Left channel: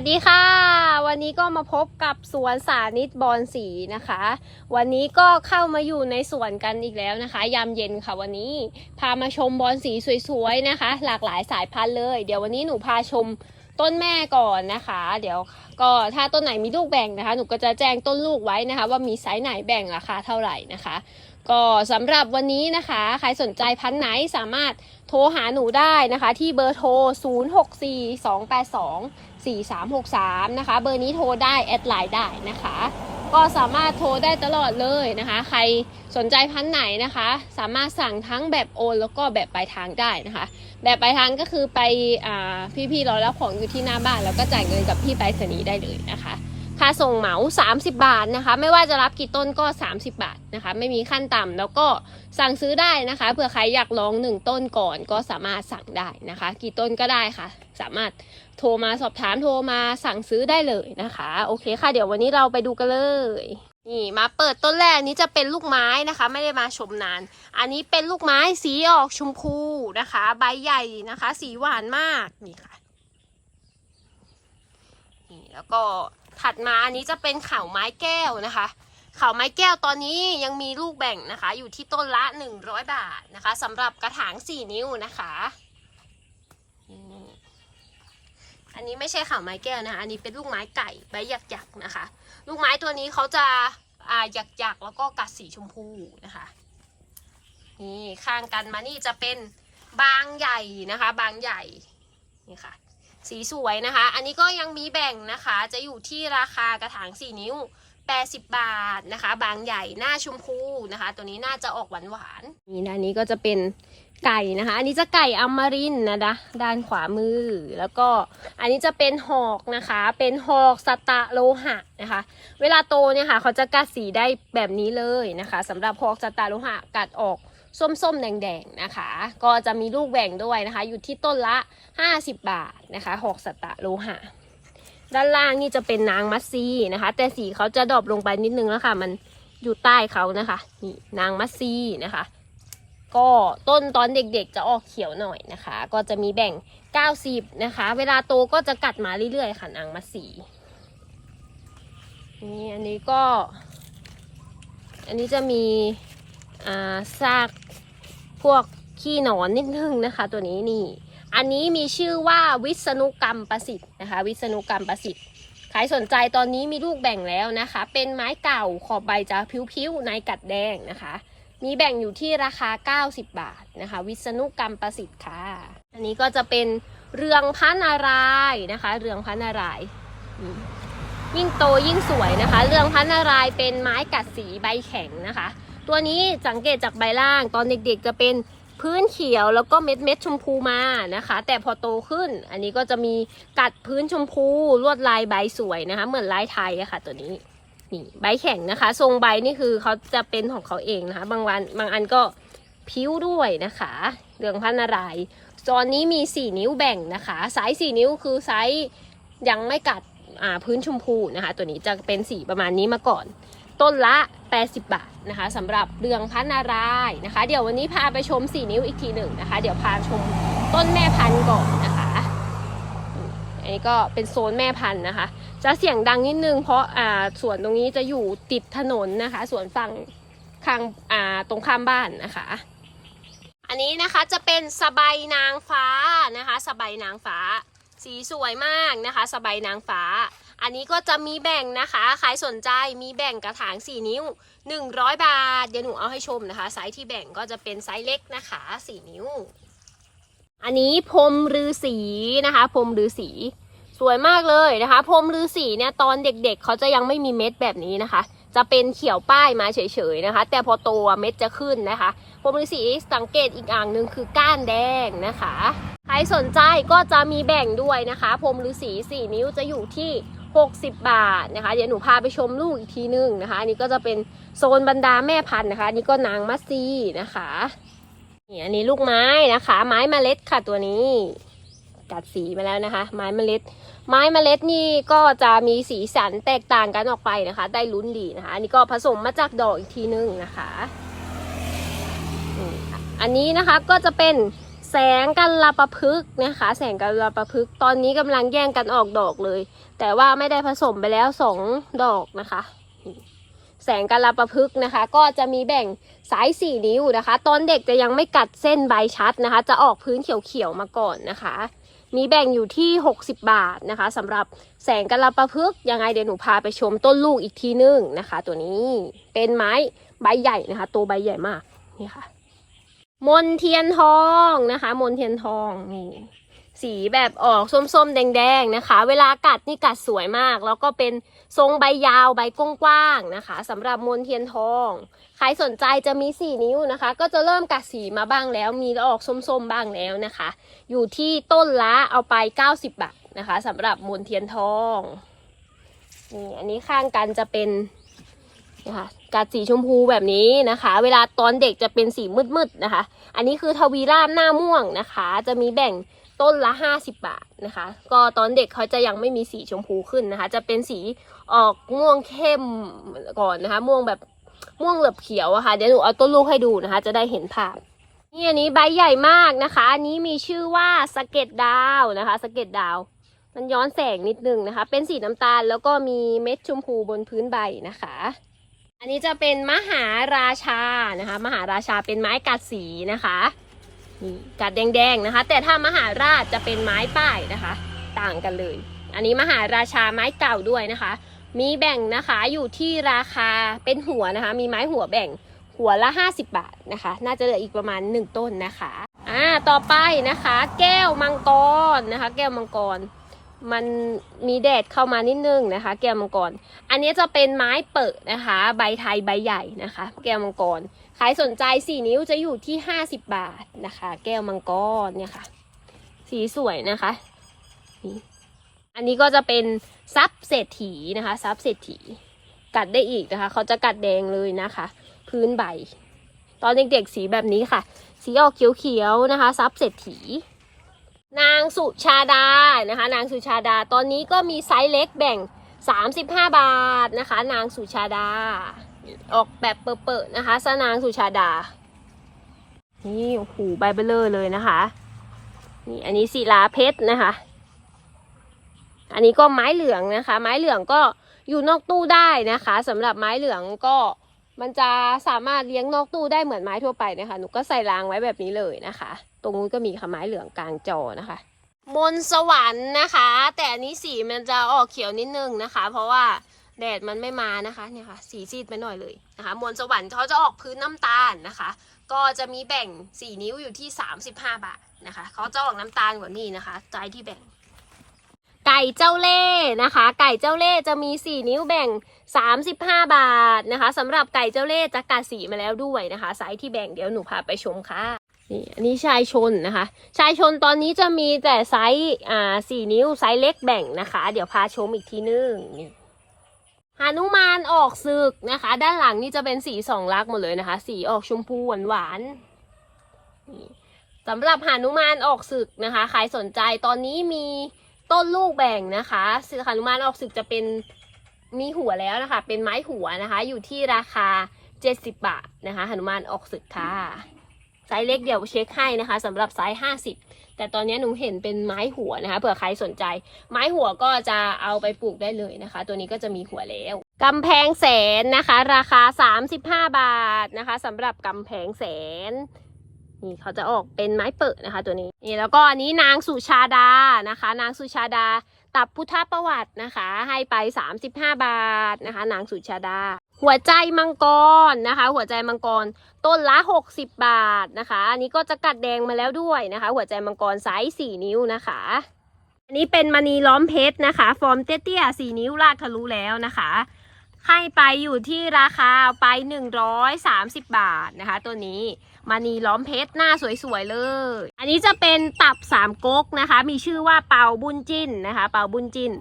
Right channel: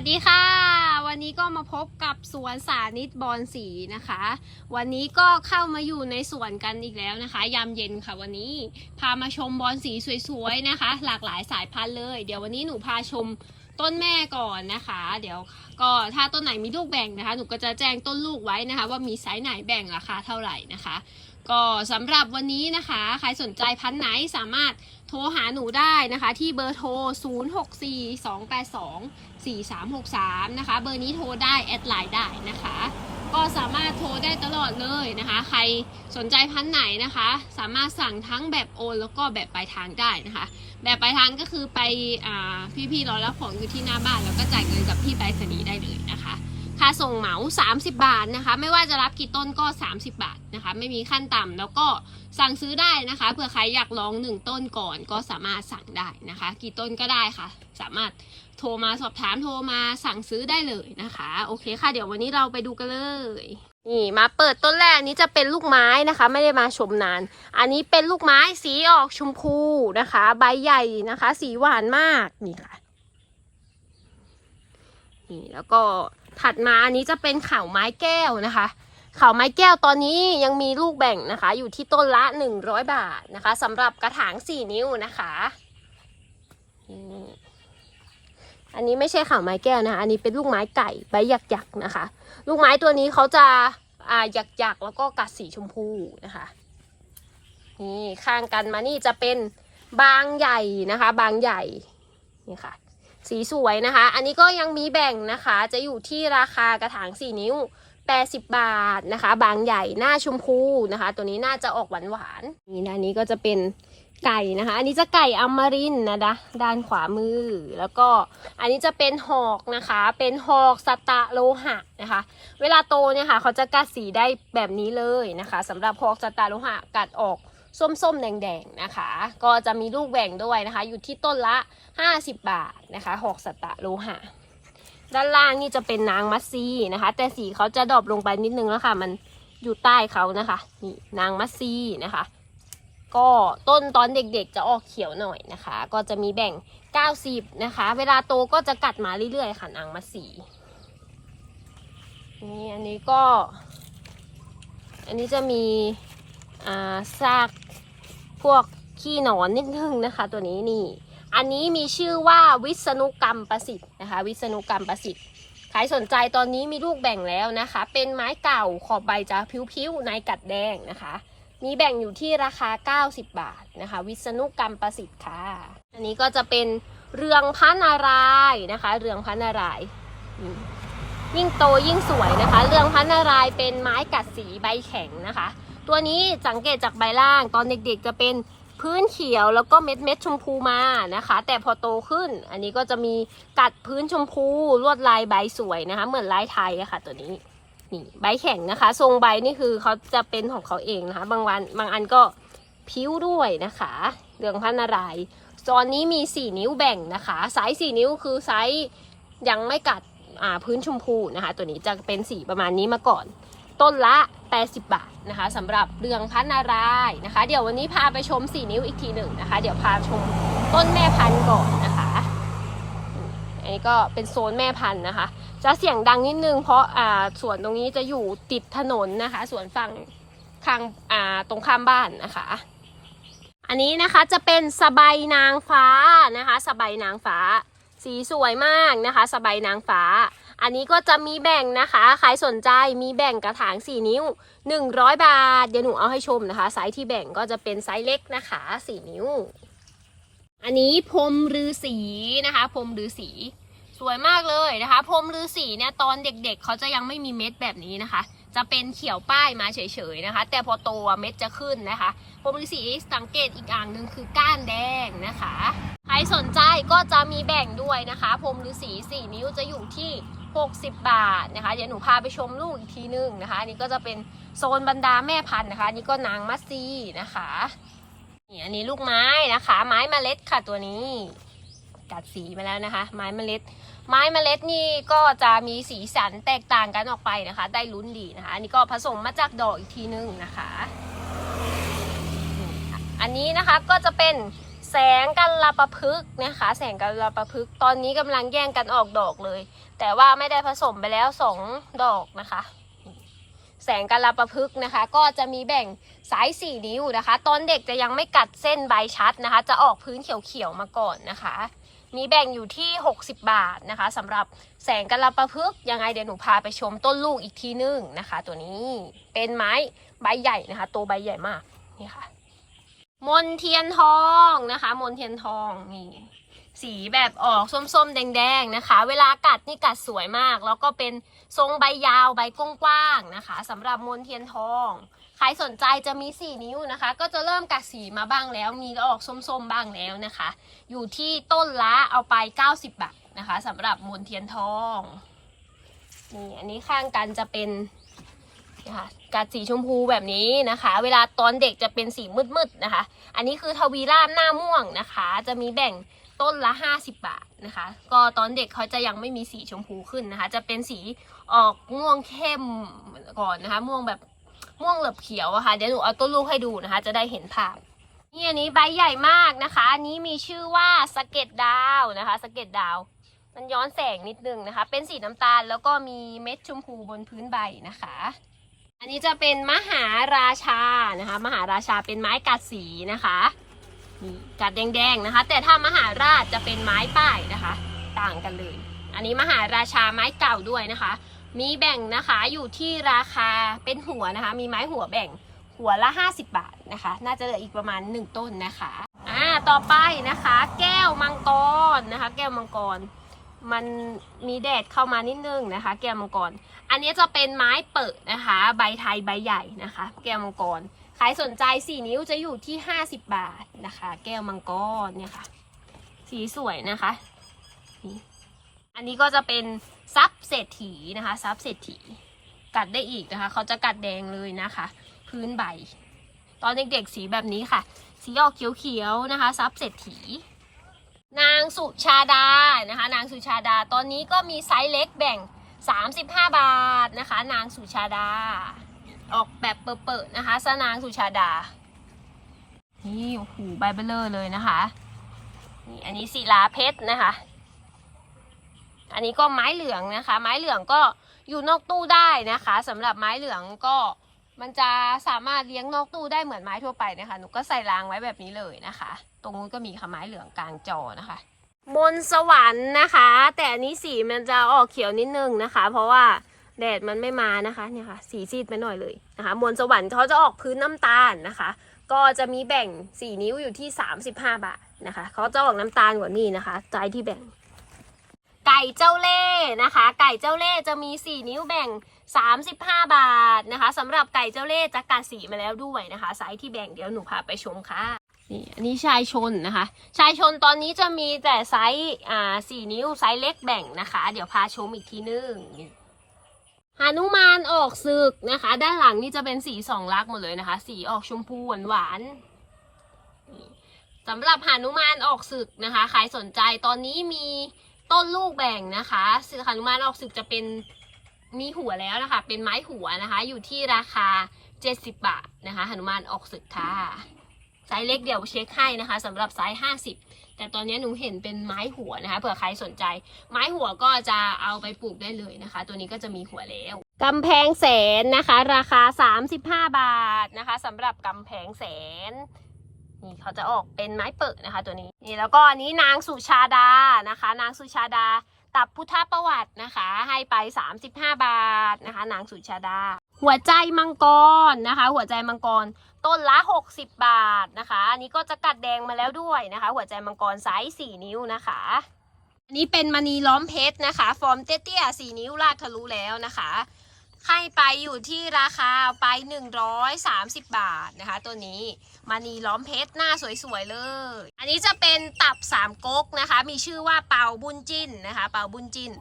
สดีค่ะ วันนี้ก็มาพบกับสวนสานิตบอนสีนะคะ วันนี้ก็เข้ามาอยู่ในสวนกันอีกแล้วนะคะ ยามเย็นค่ะวันนี้พามาชมบอนสีสวยๆนะคะ หลากหลายสายพันธุ์เลย เดี๋ยววันนี้หนูพาชมต้นแม่ก่อนนะคะ เดี๋ยวก็ถ้าต้นไหนมีลูกแบ่งนะคะ หนูก็จะแจ้งต้นลูกไว้นะคะ ว่ามีไซส์ไหนแบ่งราคาเท่าไหร่นะคะ ก็สำหรับวันนี้นะคะ ใครสนใจพันธุ์ไหนสามารถโทรหาหนูได้นะคะ ที่เบอร์โทร 064282 4363 นะคะ เบอร์นี้โทรได้ แอดไลน์ได้นะคะ ก็สามารถโทรได้ตลอดเลยนะคะ ใครสนใจพันไหนนะคะ สามารถสั่งทั้งแบบโอนแล้วก็แบบปลายทางได้นะคะ แบบปลายทางก็คือไปอพี่ๆเรารับของอยู่ที่หน้าบ้าน แล้วก็จ่ายเงินกับพี่ไปรษณีย์ได้เลยนะคะ ค่าส่งเหมา 30 บาทนะคะ ไม่ว่าจะรับกี่ต้นก็ 30 บาทนะคะ ไม่มีขั้นต่ำแล้วก็สั่งซื้อได้นะคะเผื่อใครอยากลองหนึ่งต้นก่อนก็สามารถสั่งได้นะคะ กี่ต้นก็ได้ค่ะ สามารถโทรมาสอบถามโทรมาสั่งซื้อได้เลยนะคะ โอเคค่ะ เดี๋ยววันนี้เราไปดูกันเลยนี่มาเปิดต้นแรกนี้จะเป็นลูกไม้นะคะ ไม่ได้มาชมนาน อันนี้เป็นลูกไม้สีออกชมพูนะคะ ใบใหญ่นะคะ สีหวานมากนี่ค่ะนี่แล้วก็ ถัดมาอันนี้จะเป็นเข่าไม้แก้วนะคะ เข่าไม้แก้วตอนนี้ยังมีลูกแบ่งนะคะ อยู่ที่ต้นละ 100 บาทนะคะสำหรับกระถาง 4 นิ้วนะคะอันนี้ไม่ใช่ข่าวไม้แก้วนะคะ อันนี้เป็นลูกไม้ไก่ใบหยักๆนะคะ ลูกไม้ตัวนี้เขาจะอ่าหยักๆแล้วก็กัดสีชมพูนะคะ นี่ข้างกันมานี่จะเป็นบางใหญ่นะคะ บางใหญ่นี่ค่ะ สีสวยนะคะ อันนี้ก็ยังมีแบ่งนะคะ จะอยู่ที่ราคากระถาง 4 นิ้ว 80 บาทนะคะ บางใหญ่หน้าชมพูนะคะ ตัวนี้น่าจะออกหวานหวานนี่ด้านนี้ก็จะเป็นไก่นะคะ อันนี้จะไก่อมรินนะนะด้านขวามือ แล้วก็อันนี้จะเป็นหอกนะคะ เป็นหอกสตะโลหะนะคะ เวลาโตเนี่ยค่ะ เขาจะกัดสีได้แบบนี้เลยนะคะสำหรับหอกสตะโลหะกัดออก ส้มๆ แดงๆ นะคะ ก็จะมีลูกแหว่งด้วยนะคะ อยู่ที่ต้นละ 50 บาทนะคะหกสตะโลหะ ด้านล่างนี่จะเป็นนางมัสซีนะคะ แต่สีเขาจะดรอปลงไปนิดนึงแล้วค่ะ มันอยู่ใต้เขานะคะ นี่นางมัสซีนะคะ ก็ต้นตอนเด็กๆ จะออกเขียวหน่อยนะคะ ก็จะมีแบ่ง 90 นะคะ เวลาโตก็จะกัดมาเรื่อยๆ ค่ะนางมัสซีนี่อันนี้ก็ อันนี้จะมี ซากพวกขี้หนอนนิดนึงนะคะ ตัวนี้นี่ อันนี้มีชื่อว่าวิษณุกรรมประสิทธิ์นะคะ วิษณุกรรมประสิทธิ์ใครสนใจตอนนี้มีลูกแบ่งแล้วนะคะ เป็นไม้เก่าขอบใบจะพิ้วๆในกัดแดงนะคะ มีแบ่งอยู่ที่ราคา 90 บาทนะคะ วิษณุกรรมประสิทธิ์ค่ะ อันนี้ก็จะเป็นเรืองพระนารายนะคะ เรืองพระนารายยิ่งโตยิ่งสวยนะคะ เรืองพระนารายเป็นไม้กัดสีใบแข็งนะคะ ตัวนี้สังเกตจากใบล่างตอนเด็กๆจะเป็นพื้นเขียวแล้วก็เม็ดเม็ดชมพูมานะคะ แต่พอโตขึ้น อันนี้ก็จะมีกัดพื้นชมพูลวดลายใบสวยนะคะ เหมือนลายไทยอะค่ะ ตัวนี้นี่ใบแข็งนะคะ ทรงใบนี่คือเขาจะเป็นของเขาเองนะคะ บางวันบางอันก็พิ้วด้วยนะคะเรืองพระนารายณ์ตอนนี้มี 4 นิ้วแบ่งนะคะไซส์4นิ้วคือไซส์ยังไม่กัดพื้นชมพูนะคะ ตัวนี้จะเป็นสีประมาณนี้มาก่อน ต้นละ 80 บาทนะคะสำหรับเรืองพันนารายนะคะ เดี๋ยววันนี้พาไปชม 4 นิ้วอีกทีหนึ่งนะคะ เดี๋ยวพาชมต้นแม่พันธุ์ก่อนนะคะอันนี้ก็เป็นโซนแม่พันธุ์นะคะ จะเสียงดังนิดนึงเพราะอ่าสวนตรงนี้จะอยู่ติดถนนนะคะสวนฝั่งข้างอ่าตรงข้ามบ้านนะคะ อันนี้นะคะจะเป็นสบายนางฟ้านะคะ สบายนางฟ้า สีสวยมากนะคะ สบายนางฟ้า อันนี้ก็จะมีแบ่งนะคะ ใครสนใจมีแบ่งกระถาง 4 นิ้ว 100 บาท เดี๋ยวหนูเอาให้ชมนะคะ ไซส์ที่แบ่งก็จะเป็นไซส์เล็กนะคะ 4 นิ้ว อันนี้พรมฤาษีนะคะ พรมฤาษีสวยมากเลยนะคะ พรมฤาษีเนี่ยตอนเด็กๆเขาจะยังไม่มีเม็ดแบบนี้นะคะ จะเป็นเขียวป้ายมาเฉยๆนะคะ แต่พอโตเม็ดจะขึ้นนะคะ พรมฤาษีสังเกตอีกอย่างหนึ่งคือก้านแดงนะคะ ใครสนใจก็จะมีแบ่งด้วยนะคะ พรมฤาษี4นิ้วจะอยู่ที่ 60 บาทนะคะ เดี๋ยวหนูพาไปชมลูกอีกทีนึงนะคะ อันนี้ก็จะเป็นโซนบรรดาแม่พันธุ์นะคะ อันนี้ก็นางมัสซีนะคะนี่อันนี้ลูกไม้นะคะ ไม้เมล็ดค่ะตัวนี้ กัดสีมาแล้วนะคะ ไม้เมล็ด ไม้เมล็ดนี่ก็จะมีสีสันแตกต่างกันออกไปนะคะ ได้ลุ้นดีนะคะ อันนี้ก็ผสมมาจากดอกอีกทีนึงนะคะ อันนี้นะคะก็จะเป็น แสงกันลาประพฤกนะคะ แสงกันลาประพฤกตอนนี้กำลังแย่งกันออกดอกเลย แต่ว่าไม่ได้ผสมไปแล้วสองดอกนะคะ แสงกันลาประพฤกนะคะ ก็จะมีแบ่งสายสี่นิ้วนะคะ ตอนเด็กจะยังไม่กัดเส้นใบชัดนะคะ จะออกพื้นเขียวๆมาก่อนนะคะ มีแบ่งอยู่ที่ 60 บาทนะคะสำหรับแสงกันลาประพฤกยังไงเดี๋ยวหนูพาไปชมต้นลูกอีกทีนึงนะคะ ตัวนี้เป็นไม้ใบใหญ่นะคะ ตัวใบใหญ่มากนี่ค่ะ มนเทียนทองนะคะ มนเทียนทองนี่สีแบบออกส้มๆ แดงๆนะคะ เวลากัดนี่กัดสวยมาก แล้วก็เป็นทรงใบยาวใบกว้างๆนะคะสำหรับมนเทียนทอง ใครสนใจจะมี 4 นิ้วนะคะ ก็จะเริ่มกัดสีมาบ้างแล้ว มีออกส้มๆ บ้างแล้วนะคะ อยู่ที่ต้นละเอาไป 90 บาทนะคะสำหรับมนเทียนทองนี่อันนี้ข้างกันจะเป็นนะคะ กัดสีชมพูแบบนี้นะคะ เวลาตอนเด็กจะเป็นสีมืดๆนะคะ อันนี้คือทวีราชหน้าม่วงนะคะ จะมีแบ่งต้นละ 50 บาทนะคะ ก็ตอนเด็กเขาจะยังไม่มีสีชมพูขึ้นนะคะ จะเป็นสีออกม่วงเข้มก่อนนะคะ ม่วงแบบม่วงเหลือบเขียวอะค่ะ เดี๋ยวหนูเอาต้นลูกให้ดูนะคะ จะได้เห็นภาพนี่อันนี้ใบใหญ่มากนะคะ อันนี้มีชื่อว่าสเก็ดดาวนะคะ สเก็ดดาว มันย้อนแสงนิดนึงนะคะ เป็นสีน้ำตาลแล้วก็มีเม็ดชมพูบนพื้นใบนะคะ อันนี้จะเป็นมหาราชานะคะ มหาราชาเป็นไม้กัดสีนะคะกัดแดงๆนะคะ แต่ถ้ามหาราชจะเป็นไม้ป้ายนะคะ ต่างกันเลย อันนี้มหาราชาไม้เก่าด้วยนะคะ มีแบ่งนะคะอยู่ที่ราคาเป็นหัวนะคะ มีไม้หัวแบ่งหัวละ 50 บาทนะคะ น่าจะเหลืออีกประมาณ 1 ต้นนะคะอ่าต่อไปนะคะ แก้วมังกรนะคะ แก้วมังกร มันมีแดดเข้ามานิดนึงนะคะ แก้วมังกร อันนี้จะเป็นไม้เปิดนะคะ ใบไทยใบใหญ่นะคะ แก้วมังกรใครสนใจ4นิ้วจะอยู่ที่50บบาทนะคะ แก้วมังกรเนี่ยค่ะ สีสวยนะคะ อันนี้ก็จะเป็นซับเศรษฐีนะคะซับเศรษฐี กัดได้อีกนะคะ เขาจะกัดแดงเลยนะคะ พื้นใบ ตอนเด็กๆสีแบบนี้ค่ะ สีออกเขียวๆนะคะ ซับเศรษฐี นางสุชาดานะคะ นางสุชาดาตอนนี้ก็มีไซส์เล็กแบ่ง 35 บาทนะคะ นางสุชาดา ออกแบบเปิดๆนะคะสนางสุชาดา นี่โอ้โหใบเบลเลอร์เลยนะคะนี่อันนี้ศิลาเพชรนะคะ อันนี้ก็ไม้เหลืองนะคะ ไม้เหลืองก็อยู่นอกตู้ได้นะคะสำหรับไม้เหลืองก็มันจะสามารถเลี้ยงนอกตู้ได้เหมือนไม้ทั่วไปนะคะ หนูก็ใส่รางไว้แบบนี้เลยนะคะ ตรงนู้นก็มีค่ะไม้เหลืองกลางจอนะคะมนสวรรค์นะคะ แต่อันนี้สีมันจะออกเขียวนิดนึงนะคะ เพราะว่าแดดมันไม่มานะคะเนี่ยค่ะสีซีดไปหน่อยเลยนะคะมนต์สวรรค์เขาจะออกพื้นน้ำตาลนะคะ ก็จะมีแบ่ง 4 นิ้วอยู่ที่ 35 บาทนะคะเขาจะออกน้ำตาลกว่านี้นะคะใจที่แบ่ง ไก่เจ้าเล่ห์นะคะ ไก่เจ้าเล่ห์จะมี 4 นิ้วแบ่ง 35 บาทนะคะสำหรับไก่เจ้าเล่ห์จะกัดสีมาแล้วด้วยนะคะไซส์ที่แบ่งเดี๋ยวหนูพาไปชมค่ะ นี่อันนี้ชายชนนะคะ ชายชนตอนนี้จะมีแต่ไซส์อ่าสี่นิ้วไซส์เล็กแบ่งนะคะ เดี๋ยวพาชมอีกทีนึงนี่หานุมานออกศึกนะคะ ด้านหลังนี่จะเป็นสีสองลักษณ์หมดเลยนะคะ สีออกชมพูหวานหวานสำหรับหานุมานออกศึกนะคะใครสนใจตอนนี้มีต้นลูกแบ่งนะคะหานุมานออกศึกจะเป็นมีหัวแล้วนะคะ เป็นไม้หัวนะคะ อยู่ที่ราคา 70 บาทนะคะหนุมานออกศึกค่ะ ไซส์เล็กเดี๋ยวเช็คให้นะคะสำหรับไซส์50 แต่ตอนนี้หนูเห็นเป็นไม้หัวนะคะเผื่อใครสนใจ ไม้หัวก็จะเอาไปปลูกได้เลยนะคะ ตัวนี้ก็จะมีหัวแล้วกำแพงแสนนะคะ ราคา 35 บาทนะคะสำหรับกำแพงแสนนี่เขาจะออกเป็นไม้เปิดนะคะตัวนี้นี่แล้วก็อันนี้นางสุชาดานะคะ นางสุชาดาตับพุทธประวัตินะคะ ให้ไป 35 บาทนะคะ นางสุชาดา หัวใจมังกรนะคะ หัวใจมังกรต้นละ 60 บาทนะคะ อันนี้ก็จะกัดแดงมาแล้วด้วยนะคะ หัวใจมังกรไซส์4นิ้วนะคะ อันนี้เป็นมณีล้อมเพชรนะคะ ฟอร์มเตี้ยๆ4นิ้วลากทะลุแล้วนะคะให้ไปอยู่ที่ราคาไป 130 บาทนะคะ ตัวนี้มานีล้อมเพชรหน้าสวยๆเลย อันนี้จะเป็นตับสามก๊กนะคะ มีชื่อว่าเปาบุญจินนะคะ เปาบุญจิน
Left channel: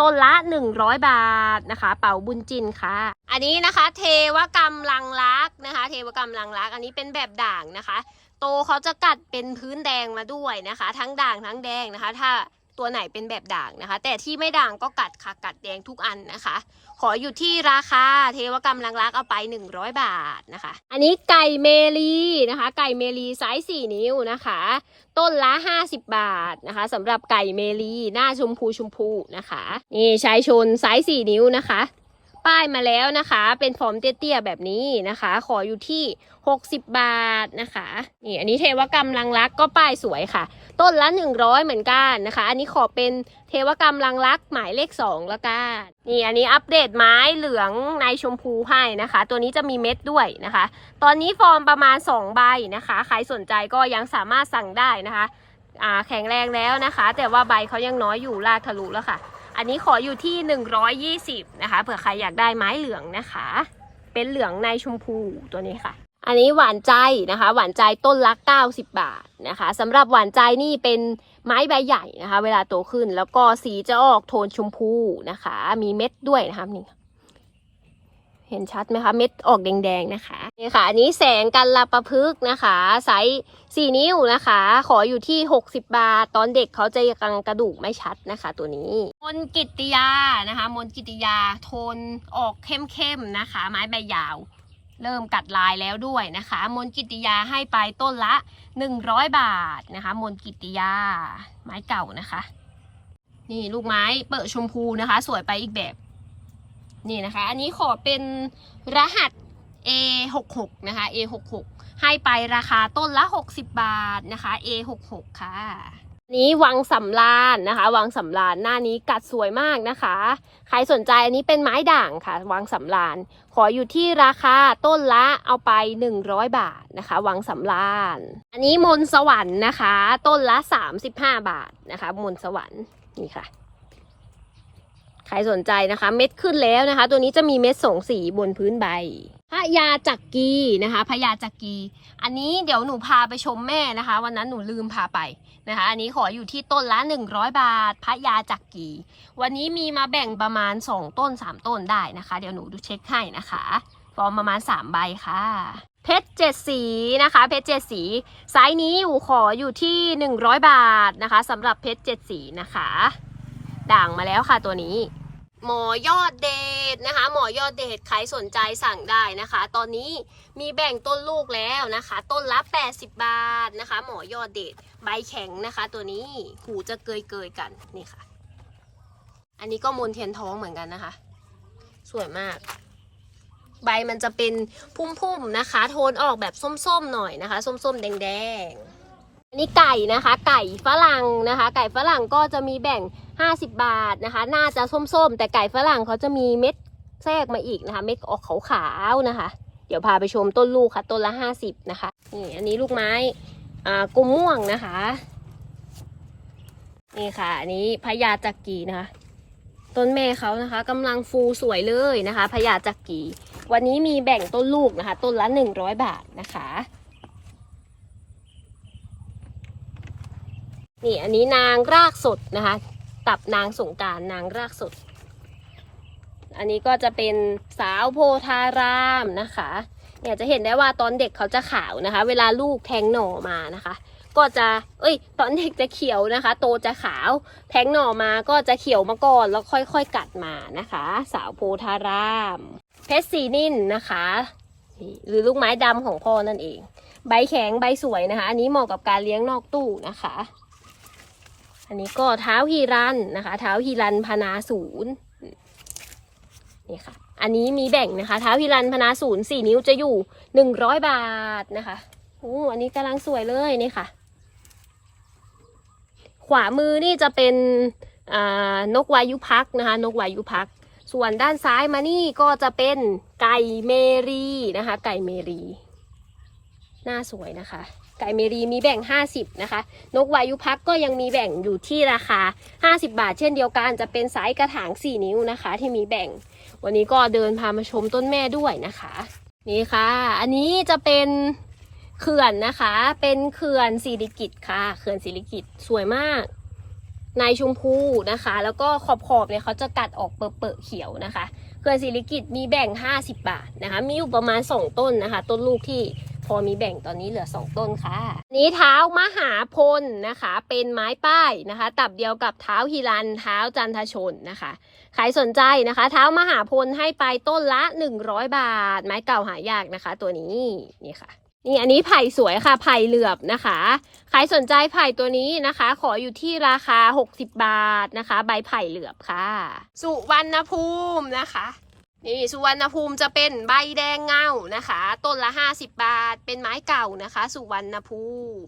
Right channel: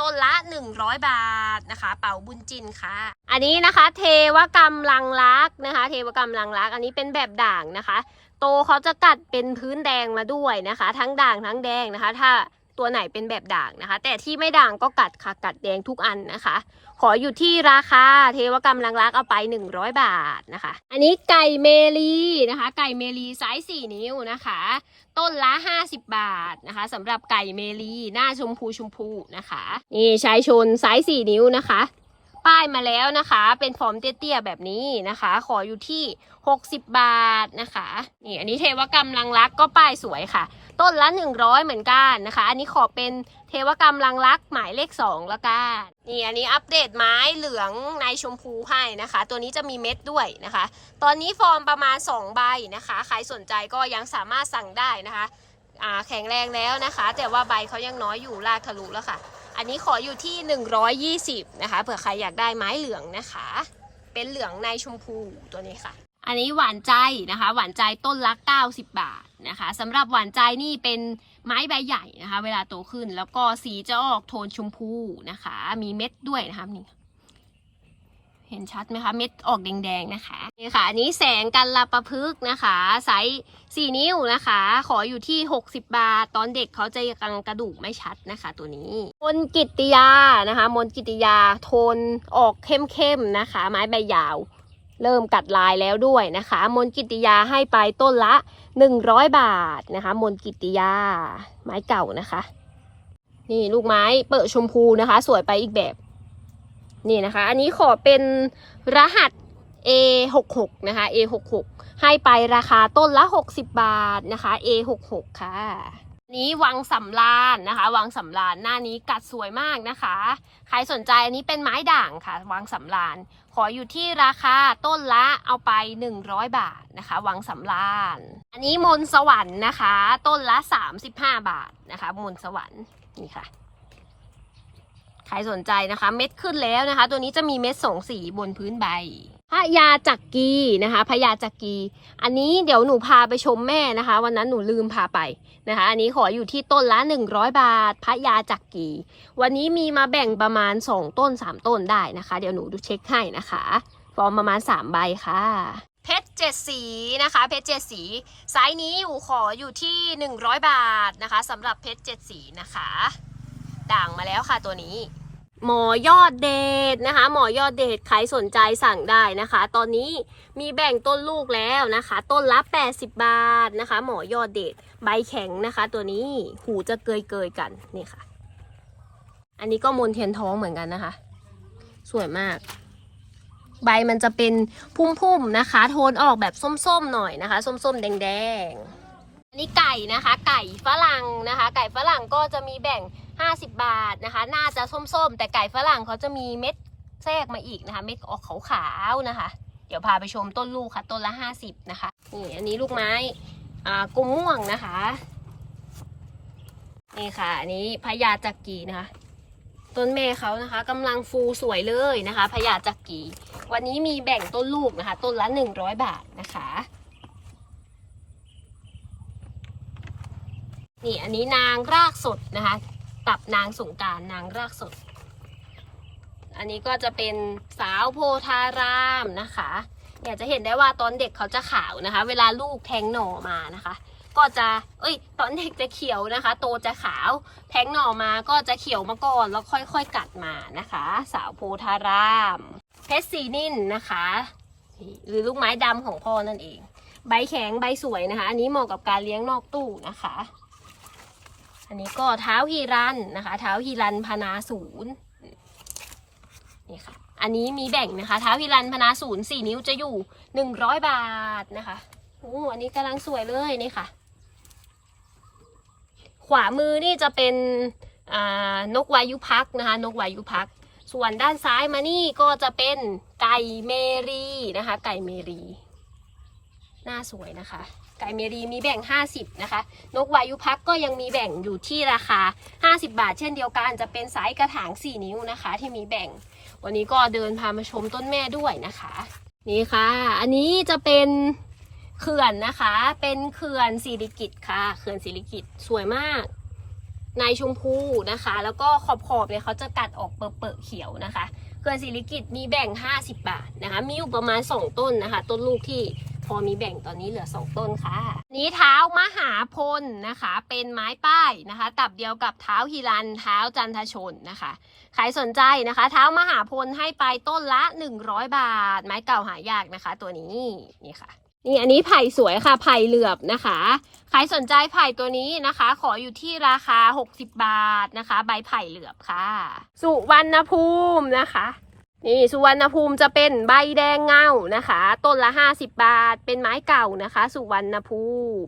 ต้นละ 100 บาทนะคะ เป่าบุญจินค่ะ อันนี้นะคะ เทวกรรมลังลักนะคะ เทวกรรมลังลัก อันนี้เป็นแบบด่างนะคะ โตเขาจะกัดเป็นพื้นแดงมาด้วยนะคะ ทั้งด่างทั้งแดงนะคะ ถ้าตัวไหนเป็นแบบด่างนะคะ แต่ที่ไม่ด่างก็กัดค่ะกัดแดงทุกอันนะคะ ออยู่ที่ราคาเทวกรรมลังรักเอาไป 100 บาทนะคะ อันนี้ไก่เมลีนะคะ ไก่เมลีไซส์4นิ้วนะคะ ต้นละ 50 บาทนะคะสำหรับไก่เมลีหน้าชมพูชมพูนะคะนี่ชายชนไซส์4นิ้วนะคะ ป้ายมาแล้วนะคะ เป็นฟอร์มเตี้ยๆแบบนี้นะคะ ขออยู่ที่ 60 บาทนะคะนี่อันนี้เทวกรรมลังรักก็ป้ายสวยค่ะ ต้นละ 100 เหมือนกันนะคะ อันนี้ขอเป็น ทวกรรมลังรักหมายเลข2แล้วกันนี่อันนี้อัปเดตไม้เหลืองในชมพูให้นะคะ ตัวนี้จะมีเม็ดด้วยนะคะ ตอนนี้ฟอร์มประมาณ 2 ใบนะคะ ใครสนใจก็ยังสามารถสั่งได้นะคะแข็งแรงแล้วนะคะ แต่ว่าใบเขายังน้อยอยู่ลากทะลุแล้วค่ะ อันนี้ขออยู่ที่ 120 นะคะเผื่อใครอยากได้ไม้เหลืองนะคะ เป็นเหลืองในชมพูตัวนี้ค่ะ อันนี้หวานใจนะคะ หวานใจต้นละ90 บาทนะคะสำหรับหวานใจนี่เป็นไม้ใบใหญ่นะคะ เวลาโตขึ้นแล้วก็สีจะออกโทนชมพูนะคะ มีเม็ดด้วยนะคะนี่เห็นชัดไหมคะ เม็ดออกแดงๆนะคะนี่ค่ะ อันนี้แสงกันลาประพฤกนะคะ ไซส์4นิ้วนะคะ ขออยู่ที่ 60 บาท ตอนเด็กเขาจะยังกระดูกไม่ชัดนะคะ ตัวนี้ มนกิติยานะคะ มนกิตติยาโทนออกเข้มๆนะคะ ไม้ใบยาว เริ่มกัดลายแล้วด้วยนะคะ มนกิติยาให้ไปต้นละ 100 บาทนะคะ มนกิติยา ไม้เก่านะคะ นี่ลูกไม้เปิดชมพูนะคะ สวยไปอีกแบบ นี่นะคะ อันนี้ขอเป็นรหัส A66 นะคะ A66 ให้ไปราคาต้นละ 60 บาทนะคะ A66 ค่ะนนี้วังสำรานนะคะวังสำรานหน้านี้กัดสวยมากนะคะ ใครสนใจอันนี้เป็นไม้ด่างค่ะวังสำราน ขออยู่ที่ราคาต้นละเอาไป 100 บาทนะคะวังสำรานอันนี้มนต์สวรรค์นะคะ ต้นละ 35 บาทนะคะมนต์สวรรค์นี่ค่ะ ใครสนใจนะคะ เม็ดขึ้นแล้วนะคะ ตัวนี้จะมีเม็ดสองสีบนพื้นใบพระยาจักรีนะคะพระยาจักรีอันนี้เดี๋ยวหนูพาไปชมแม่นะคะ วันนั้นหนูลืมพาไป นะคะ อันนี้ขออยู่ที่ต้นละ 100 บาท พระยาจักรีวันนี้มีมาแบ่งประมาณ 2 ต้น 3 ต้นได้นะคะ เดี๋ยวหนูดูเช็คให้นะคะฟอร์มประมาณ 3 ใบค่ะ เพชรเจ็ดสีนะคะ เพชรเจ็ดสีไซส์นี้อยู่ขออยู่ที่ 100 บาทนะคะสำหรับเพชรเจ็ดสีนะคะ ด่างมาแล้วค่ะตัวนี้หมอยอดเดชนะคะ หมอยอดเดชใครสนใจสั่งได้นะคะ ตอนนี้มีแบ่งต้นลูกแล้วนะคะ ต้นละ 80 บาทนะคะ หมอยอดเดช ใบแข็งนะคะ ตัวนี้หูจะเกยเกยกันนี่ค่ะ อันนี้ก็มนเทียนท้องเหมือนกันนะคะ สวยมาก ใบมันจะเป็นพุ่มๆนะคะ โทนออกแบบส้มๆหน่อยนะคะ ส้มๆแดงๆอันนี้ไก่นะคะ ไก่ฝรั่งนะคะ ไก่ฝรั่งก็จะมีแบ่ง 50 บาทนะคะ น่าจะส้มๆ แต่ไก่ฝรั่งเขาจะมีเม็ดแทรกมาอีกนะคะ เม็ดออกขาวๆนะคะ เดี๋ยวพาไปชมต้นลูกค่ะ ต้นละ 50 นะคะนี่อันนี้ลูกไม้ กุมม่วงนะคะ นี่ค่ะ อันนี้พญาจักรีนะคะ ต้นแม่เขานะคะกำลังฟูสวยเลยนะคะพญาจักรีวันนี้มีแบ่งต้นลูกนะคะ ต้นละ100บาทนะคะ นี่อันนี้นางรากสดนะคะ ตับนางสงการนางรากสด อันนี้ก็จะเป็นสาวโพธารามนะคะ เนี่ยจะเห็นได้ว่าตอนเด็กเขาจะขาวนะคะ เวลาลูกแทงหน่อมานะคะ ก็จะ เอ้ย ตอนเด็กจะเขียวนะคะ โตจะขาว แทงหน่อมาก็จะเขียวมาก่อนแล้วค่อยๆกัดมานะคะ สาวโพธารามเพชรสีนินนะคะ หรือลูกไม้ดำของพ่อนั่นเอง ใบแข็งใบสวยนะคะ อันนี้เหมาะกับการเลี้ยงนอกตู้นะคะ อันนี้ก็เท้าฮีรันนะคะ เท้าฮีรันพนาศูนย์นี่ค่ะ อันนี้มีแบ่งนะคะเท้าฮีรันพนาศูนย์สี่นิ้วจะอยู่หนึ่งร้อยบาทนะคะโอ้อันนี้กำลังสวยเลยนี่ค่ะ ขวามือนี่จะเป็นนกวายุพักนะคะ นกวายุพัก ส่วนด้านซ้ายมานี่ก็จะเป็นไก่เมรีนะคะ ไก่เมรีหน้าสวยนะคะ ไก่เมรีมีแบ่ง 50 นะคะ นกวายุพักก็ยังมีแบ่งอยู่ที่ราคา 50 บาท เช่นเดียวกันจะเป็นไซส์กระถาง 4 นิ้วนะคะ ที่มีแบ่ง วันนี้ก็เดินพามาชมต้นแม่ด้วยนะคะ นี่ค่ะ อันนี้จะเป็นเขื่อนนะคะ เป็นเขื่อนสิริกิตค่ะ เขื่อนสิริกิตสวยมาก ในชมพูนะคะ แล้วก็ขอบขอบเนี่ยเขาจะกัดออกเปอะๆเขียวนะคะ เขื่อนสิริกิตมีแบ่ง 50 บาทนะคะ มีอยู่ประมาณ 2 ต้นนะคะ ต้นลูกที่ พอมีแบ่งตอนนี้เหลือสองต้นค่ะ นี้เท้ามหาพลนะคะ เป็นไม้ป้ายนะคะ ตับเดียวกับเท้าฮิรันเท้าจันทชนนะคะ ใครสนใจนะคะ เท้ามหาพลให้ไปต้นละ100บาท ไม้เก่าหายากนะคะ ตัวนี้นี่ค่ะนี่อันนี้ไผ่สวยค่ะไผ่เหลือบนะคะ ใครสนใจไผ่ตัวนี้นะคะ ขออยู่ที่ราคา 60 บาทนะคะ ใบไผ่เหลือบค่ะ สุวรรณภูมินะคะ นี่สุวรรณภูมิจะเป็นใบแดงเงานะคะ ต้นละ 50 บาท เป็นไม้เก่านะคะ สุวรรณภูมิ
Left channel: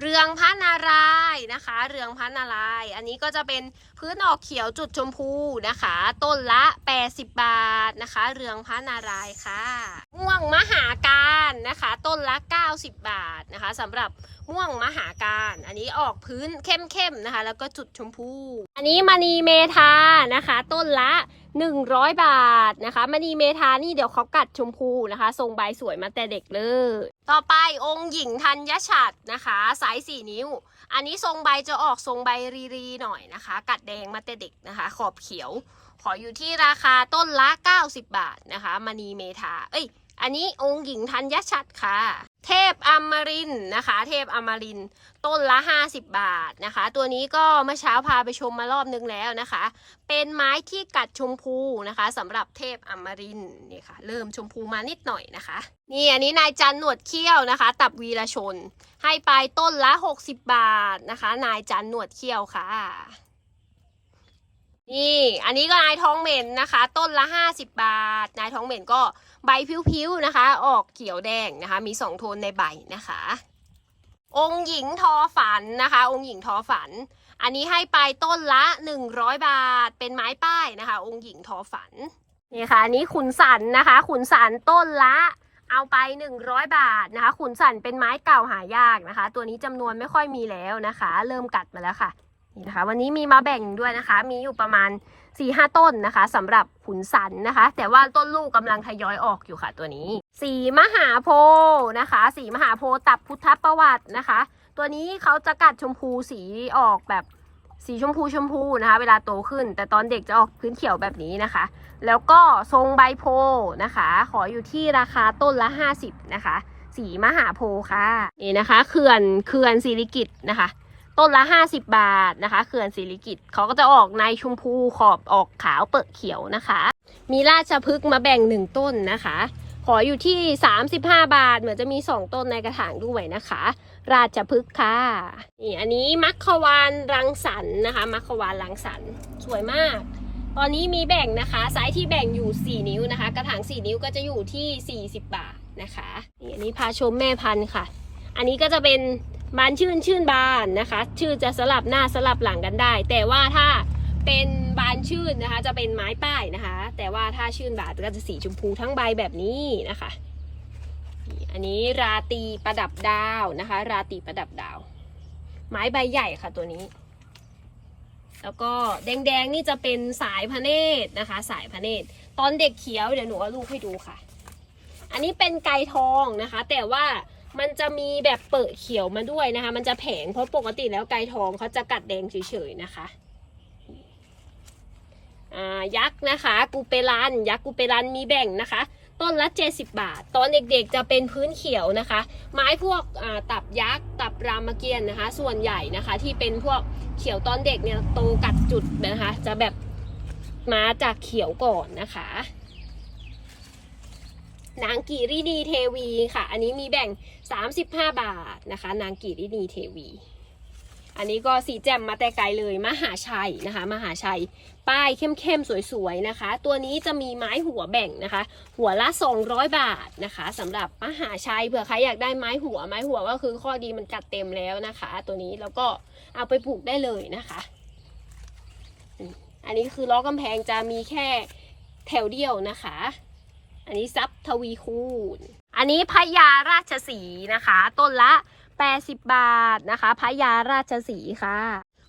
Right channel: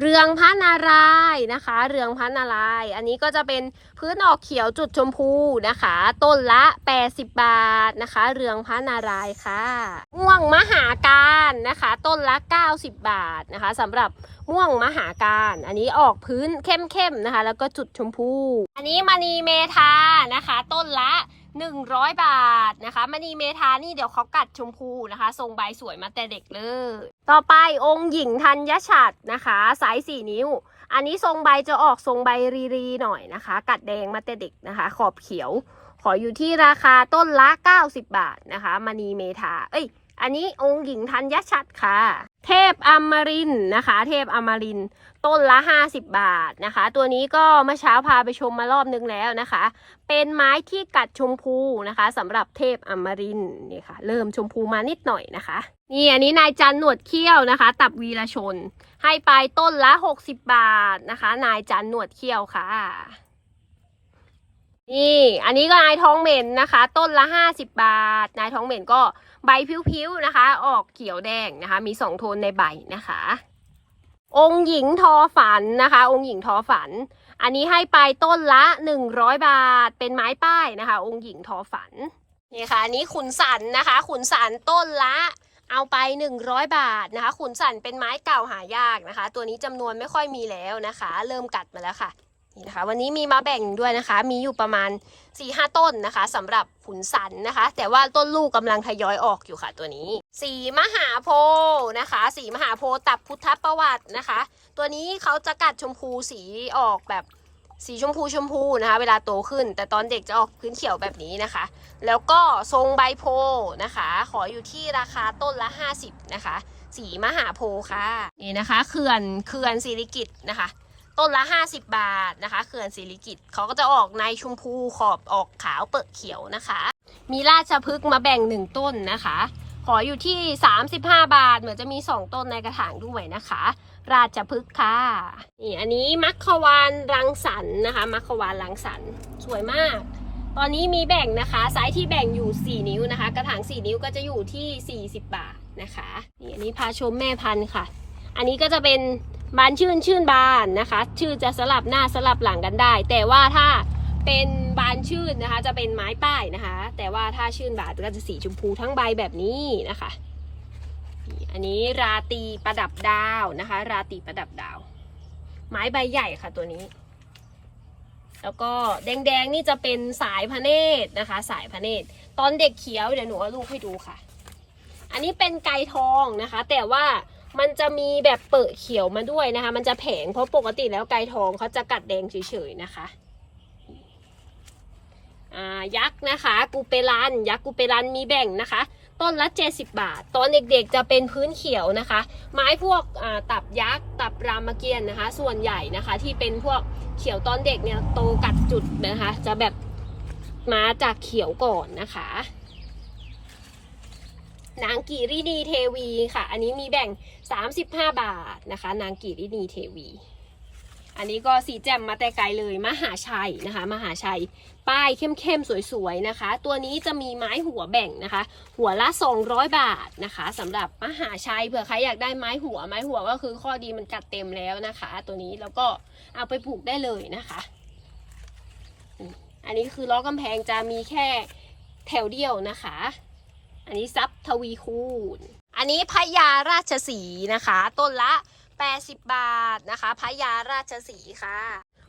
เรืองพระนารายนะคะ เรืองพระนาราย อันนี้ก็จะเป็นพื้นออกเขียวจุดชมพูนะคะ ต้นละ 80 บาทนะคะ เรืองพระนารายค่ะม่วงมหาการนะคะ ต้นละ 90 บาทนะคะสำหรับม่วงมหาการ อันนี้ออกพื้นเข้มๆนะคะ แล้วก็จุดชมพู อันนี้มณีเมธานะคะ ต้นละ 100 บาทนะคะมณีเมธานี่เดี๋ยวเขากัดชมพูนะคะ ทรงใบสวยมาแต่เด็กเลย ต่อไปองค์หญิงธัญฉัตรนะคะไซส์4นิ้ว อันนี้ทรงใบจะออกทรงใบรีๆหน่อยนะคะ กัดแดงมาแต่เด็กนะคะ ขอบเขียว ขออยู่ที่ราคาต้นละ 90 บาทนะคะมณีเมธาเอ้ยอันนี้องค์หญิงธัญฉัตรค่ะ เทพอมรินนะคะ เทพอมรินต้นละ 50 บาทนะคะ ตัวนี้ก็เมื่อเช้าพาไปชมมารอบนึงแล้วนะคะ เป็นไม้ที่กัดชมพูนะคะสำหรับเทพอมรินนี่ค่ะ เริ่มชมพูมานิดหน่อยนะคะ นี่อันนี้นายจันหนวดเขี้ยวนะคะ ตับวีรชน ให้ไปต้นละ 60 บาทนะคะ นายจันหนวดเขี้ยวค่ะนี่อันนี้ก็นายทองเหม็นนะคะ ต้นละ 50 บาท นายทองเหม็นก็ ใบผิวๆนะคะ ออกเขียวแดงนะคะ มีสองโทนในใบนะคะ องค์หญิงทอฝันนะคะ องค์หญิงทอฝัน อันนี้ให้ไปต้นละ100บาท เป็นไม้ป้ายนะคะ องค์หญิงทอฝันนี่ค่ะอันนี้ขุนสันนะคะ ขุนสันต้นละเอาไป 100 บาทนะคะ ขุนสันเป็นไม้เก่าหายากนะคะ ตัวนี้จำนวนไม่ค่อยมีแล้วนะคะ เริ่มกัดมาแล้วค่ะนี่นะคะ วันนี้มีมาแบ่งด้วยนะคะ มีอยู่ประมาณ 4-5หต้นนะคะสำหรับขุนสันนะคะ แต่ว่าต้นลูกกำลังทยอยออกอยู่ค่ะตัวนี้ สีมหาโพธิ์นะคะสีมหาโพธิ์ตับพุทธประวัตินะคะ ตัวนี้เขาจะกัดชมพูสีออกแบบสีชมพูชมพูนะคะ เวลาโตขึ้น แต่ตอนเด็กจะออกพื้นเขียวแบบนี้นะคะ แล้วก็ทรงใบโพธิ์นะคะ ขออยู่ที่ราคาต้นละ 50 นะคะ สีมหาโพธิ์ค่ะนี่นะคะเขื่อนเขื่อนศิริกิตนะคะ ต้นละ 50 บาทนะคะเขื่อนศิริกิตเขาก็จะออกในชมพูขอบออกขาวเปิดเขียวนะคะ มีราชพฤกษ์มาแบ่งหนึ่งต้นนะคะ ขออยู่ที่ 35 บาท เหมือนจะมี 2 ต้นในกระถางด้วยนะคะ ราชพฤกษ์ค่ะนี่อันนี้มัคควานรังสรรค์นะคะ มัคควานรังสรรค์สวยมาก ตอนนี้มีแบ่งนะคะไซส์ที่แบ่งอยู่ 4 นิ้วนะคะ กระถาง 4 นิ้วก็จะอยู่ที่ 40 บาทนะคะนี่อันนี้พาชมแม่พันธุ์ค่ะ อันนี้ก็จะเป็น บานชื่นชื่นบานนะคะ ชื่อจะสลับหน้าสลับหลังกันได้ แต่ว่าถ้าเป็นบานชื่นนะคะ จะเป็นไม้ป้ายนะคะ แต่ว่าถ้าชื่นบานก็จะสีชมพูทั้งใบแบบนี้นะคะ อันนี้ราตีประดับดาวนะคะ ราตีประดับดาว ไม้ใบใหญ่ค่ะตัวนี้ แล้วก็แดงๆนี่จะเป็นสายพระเนตรนะคะ สายพระเนตรตอนเด็กเขียวเดี๋ยวหนูเอาลูกให้ดูค่ะ อันนี้เป็นไก่ทองนะคะ แต่ว่า มันจะมีแบบเปิดเขียวมาด้วยนะคะ มันจะแผงเพราะปกติแล้วไก่ทองเขาจะกัดแดงเฉยๆนะคะอายักษ์นะคะกูเปรันยักษ์กูเปรันมีแบ่งนะคะ ต้นละ 70 บาท ตอนเด็กๆจะเป็นพื้นเขียวนะคะ ไม้พวกตับยักษ์ตับรามเกียรติ์นะคะ ส่วนใหญ่นะคะที่เป็นพวกเขียวตอนเด็กเนี่ยโตกัดจุดนะคะ จะแบบมาจากเขียวก่อนนะคะ นางกีรินีเทวีค่ะ อันนี้มีแบ่ง 35 บาทนะคะ นางกีรินีเทวี อันนี้ก็สีแจ่มมาแต่ไกลเลยมหาชัยนะคะ มหาชัย ป้ายเข้มๆ สวยๆนะคะ ตัวนี้จะมีไม้หัวแบ่งนะคะ หัวละ 200 บาทนะคะสำหรับมหาชัยเผื่อใครอยากได้ไม้หัวไม้หัวก็คือข้อดีมันกัดเต็มแล้วนะคะ ตัวนี้แล้วก็เอาไปปลูกได้เลยนะคะ อันนี้คือล้อกำแพงจะมีแค่แถวเดียวนะคะ อันนี้ซับทวีคูณ อันนี้พญาราชสีนะคะ ต้นละ 80 บาทนะคะพญาราชสีค่ะ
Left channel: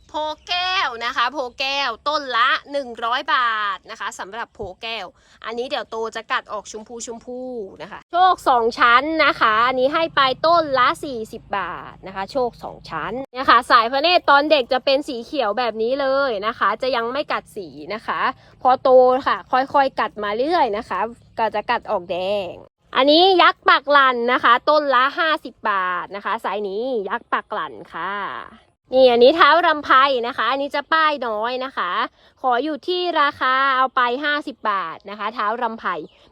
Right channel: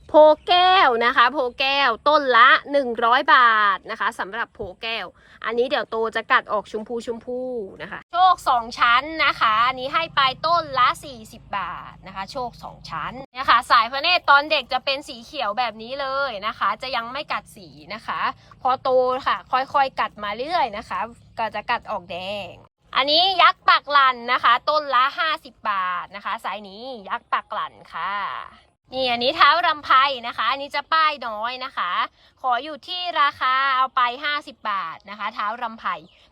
โพแก้วนะคะ โพแก้วต้นละ 100 บาทนะคะสำหรับโพแก้ว อันนี้เดี๋ยวโตจะกัดออกชมพูชมพูนะคะ โชค2ชั้นนะคะ อันนี้ให้ไปต้นละ 40 บาทนะคะ โชค2ชั้นนะคะ สายพระเนตรตอนเด็กจะเป็นสีเขียวแบบนี้เลยนะคะ จะยังไม่กัดสีนะคะ พอโตค่ะ ค่อยๆกัดมาเรื่อยนะคะ ก็จะกัดออกแดงอันนี้ยักษ์ปักหลันนะคะ ต้นละ 50 บาทนะคะไซส์นี้ยักษ์ปักหลันค่ะ นี่อันนี้เท้ารำไพนะคะ อันนี้จะป้ายน้อยนะคะ ขออยู่ที่ราคาเอาไป 50 บาทนะคะ เท้ารำไพ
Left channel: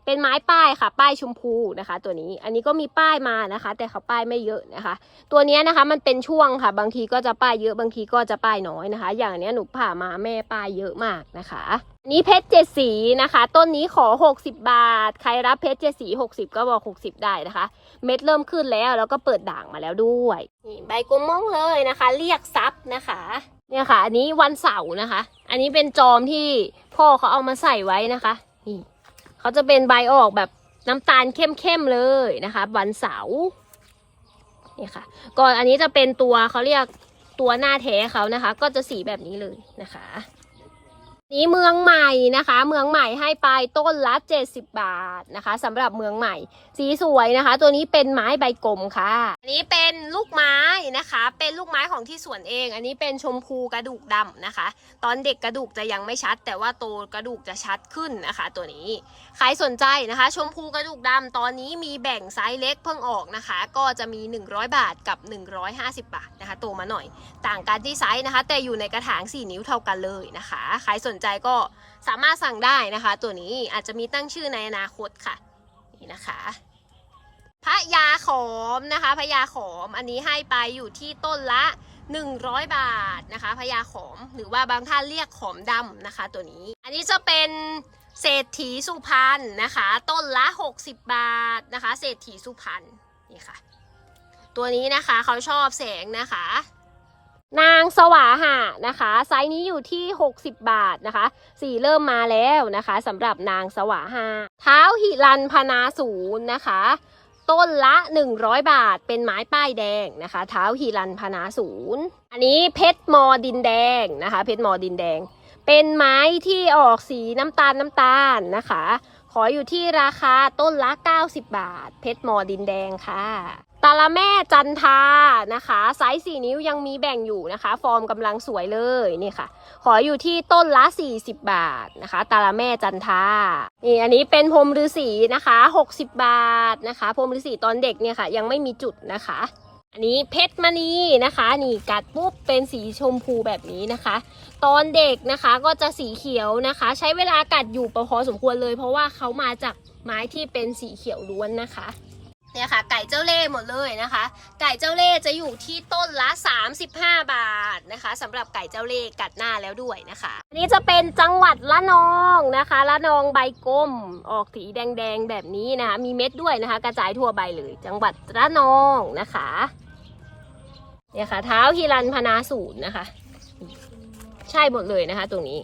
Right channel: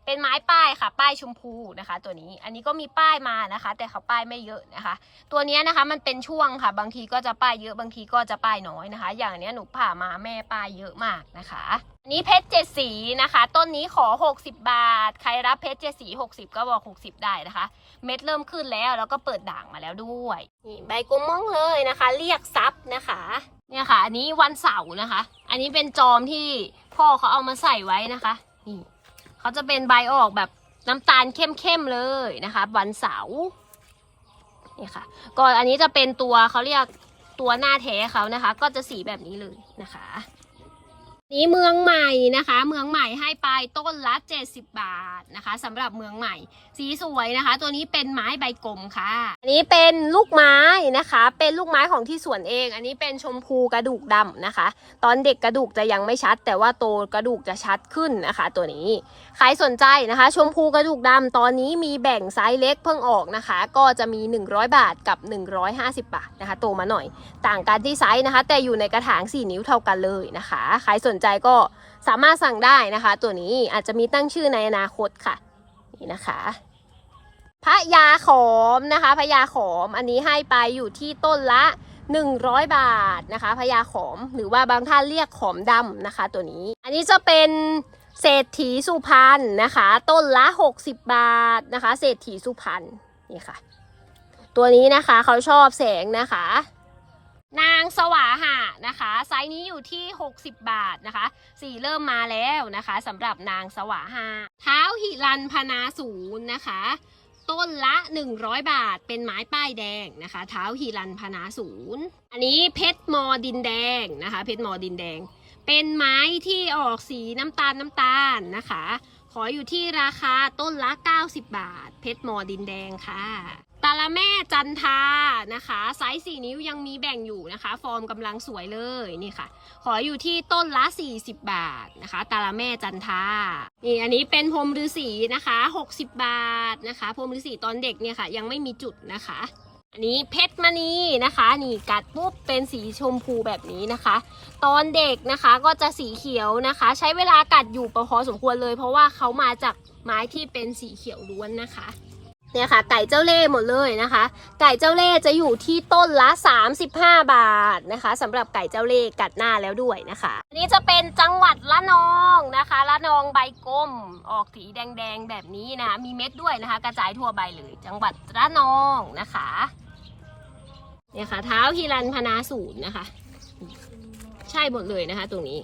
เป็นไม้ป้ายค่ะ ป้ายชมพูนะคะ ตัวนี้ อันนี้ก็มีป้ายมานะคะ แต่เขาป้ายไม่เยอะนะคะ ตัวนี้นะคะมันเป็นช่วงค่ะ บางทีก็จะป้ายเยอะบางทีก็จะป้ายน้อยนะคะ อย่างเนี้ยหนูผ่ามาแม่ป้ายเยอะมากนะคะอันนี้เพชรเจ็ดสีนะคะ ต้นนี้ขอ 60 บาท ใครรับเพชรเจ็ดสี 60 ก็บอก 60 ได้นะคะ เม็ดเริ่มขึ้นแล้ว แล้วก็เปิดด่างมาแล้วด้วยนี่ใบกลมม่องเลยนะคะ เรียกซับนะคะเนี่ยค่ะ อันนี้วันเสาร์นะคะ อันนี้เป็นจอมที่พ่อเขาเอามาใส่ไว้นะคะนี่เขาจะเป็นใบออกแบบน้ำตาลเข้มๆเลยนะคะ วันเสาร์เนี่ยค่ะก่อนอันนี้จะเป็นตัวเขาเรียกตัวหน้าแท้เขานะคะ ก็จะสีแบบนี้เลยนะคะ นี้เมืองใหม่นะคะ เมืองใหม่ให้ไปต้นละ 70 บาทนะคะสำหรับเมืองใหม่สีสวยนะคะ ตัวนี้เป็นไม้ใบกลมค่ะ อันนี้เป็นลูกไม้นะคะ เป็นลูกไม้ของที่สวนเอง อันนี้เป็นชมพูกระดูกดำนะคะ ตอนเด็กกระดูกจะยังไม่ชัด แต่ว่าโตกระดูกจะชัดขึ้นนะคะ ตัวนี้ใครสนใจนะคะ ชมพูกระดูกดำตอนนี้มีแบ่งไซส์เล็กเพิ่งออกนะคะ ก็จะมี 100 บาทกับ 150 บาทนะคะ โตมาหน่อย ต่างกันที่ไซส์นะคะ แต่อยู่ในกระถาง 4 นิ้วเท่ากันเลยนะคะ ใครสนใจก็สามารถสั่งได้นะคะ ตัวนี้อาจจะมีตั้งชื่อในอนาคตค่ะ นี่นะคะพระยาขอมนะคะพระยาขอมอันนี้ให้ไปอยู่ที่ต้นละ 100 บาทนะคะพญาขอมหรือว่าบางท่านเรียกขอมดำนะคะ ตัวนี้ อันนี้จะเป็นเศรษฐีสุพรรณนะคะ ต้นละ 60 บาทนะคะ เศรษฐีสุพรรณนี่ค่ะ ตัวนี้นะคะเขาชอบแสงนะคะ นางสวาหะนะคะ ไซส์นี้อยู่ที่ 60 บาทนะคะ สีเริ่มมาแล้วนะคะสำหรับนางสวาหะเท้าหิรันพนาศูนย์นะคะ ต้นละ 100 บาทเป็นไม้ป้ายแดงนะคะ เท้าหิรันพนาศูนย์อันนี้เพชรมอดินแดงนะคะ เพชรมอดินแดง เป็นไม้ที่ออกสีน้ำตาลน้ำตาลนะคะ ขออยู่ที่ราคาต้นละ 90 บาท เพชรมอดินแดงค่ะ ตาละแม่จันทานะคะไซส์4นิ้วยังมีแบ่งอยู่นะคะ ฟอร์มกำลังสวยเลยนี่ค่ะ ขออยู่ที่ต้นละ 40 บาทนะคะ ตาละแม่จันทานี่อันนี้เป็นพรมฤาษีนะคะ 60 บาทนะคะพรมฤาษีตอนเด็กเนี่ยค่ะ ยังไม่มีจุดนะคะ อันนี้เพชรมณีนะคะ นี่กัดปุ๊บเป็นสีชมพูแบบนี้นะคะ ตอนเด็กนะคะก็จะสีเขียวนะคะ ใช้เวลากัดอยู่ประพอสมควรเลย เพราะว่าเขามาจากไม้ที่เป็นสีเขียวล้วนนะคะ เนี่ยค่ะ ไก่เจ้าเล่ห์หมดเลยนะคะ ไก่เจ้าเล่ห์จะอยู่ที่ต้นละ 35 บาทนะคะสำหรับไก่เจ้าเล่ห์กัดหน้าแล้วด้วยนะคะอันนี้จะเป็นจังหวัดละนองนะคะละนองใบกลมออกสีแดงๆแบบนี้นะคะมีเม็ดด้วยนะคะ กระจายทั่วใบเลย จังหวัดละนองนะคะเนี่ยค่ะ เท้าฮิรันพนาศูนย์นะคะ ใช่หมดเลยนะคะ ตรงนี้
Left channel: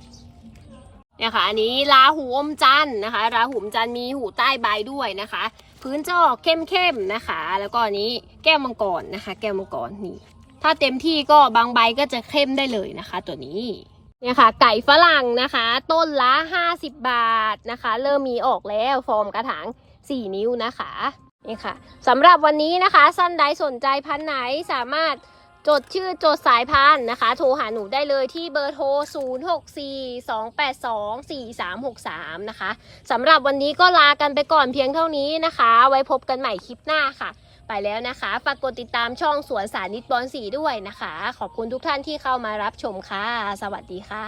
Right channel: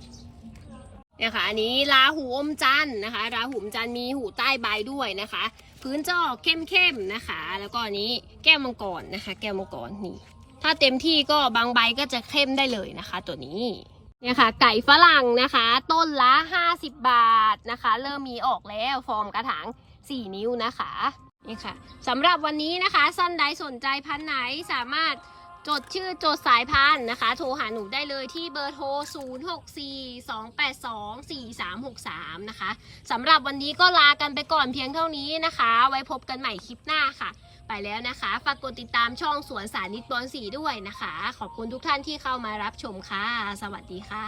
เนี่ยค่ะอันนี้ราหูอมจันนะคะราหูอมจันมีหูใต้ใบด้วยนะคะ พื้นจะออกเข้มๆนะคะ แล้วก็อันนี้แก้วมังกรนะคะ แก้วมังกรนี่ถ้าเต็มที่ก็บางใบก็จะเข้มได้เลยนะคะ ตัวนี้เนี่ยค่ะไก่ฝรั่งนะคะ ต้นละ 50 บาทนะคะ เริ่มมีออกแล้วฟอร์มกระถาง 4 นิ้วนะคะนี่ค่ะสำหรับวันนี้นะคะสั้นใดสนใจพันไหนสามารถ จดชื่อจดสายพันธุ์นะคะ โทรหาหนูได้เลยที่เบอร์โทร 0642824363 นะคะสำหรับวันนี้ก็ลากันไปก่อนเพียงเท่านี้นะคะ ไว้พบกันใหม่คลิปหน้าค่ะ ไปแล้วนะคะ ฝากกดติดตามช่องสวนสานิตบอลสีด้วยนะคะ ขอบคุณทุกท่านที่เข้ามารับชมค่ะ สวัสดีค่ะ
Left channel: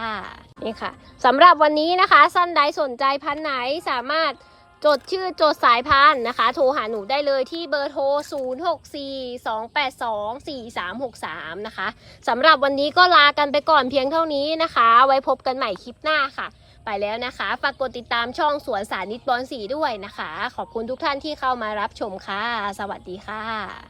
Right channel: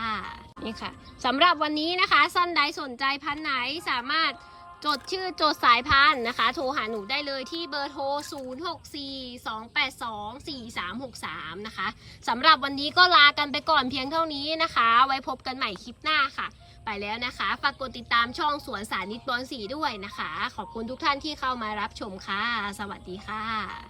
นี่ค่ะสำหรับวันนี้นะคะสั้นใดสนใจพันไหนสามารถ จดชื่อจดสายพันธุ์นะคะ โทรหาหนูได้เลยที่เบอร์โทร 0642824363 นะคะสำหรับวันนี้ก็ลากันไปก่อนเพียงเท่านี้นะคะ ไว้พบกันใหม่คลิปหน้าค่ะ ไปแล้วนะคะ ฝากกดติดตามช่องสวนสานิตบอลสีด้วยนะคะ ขอบคุณทุกท่านที่เข้ามารับชมค่ะ สวัสดีค่ะ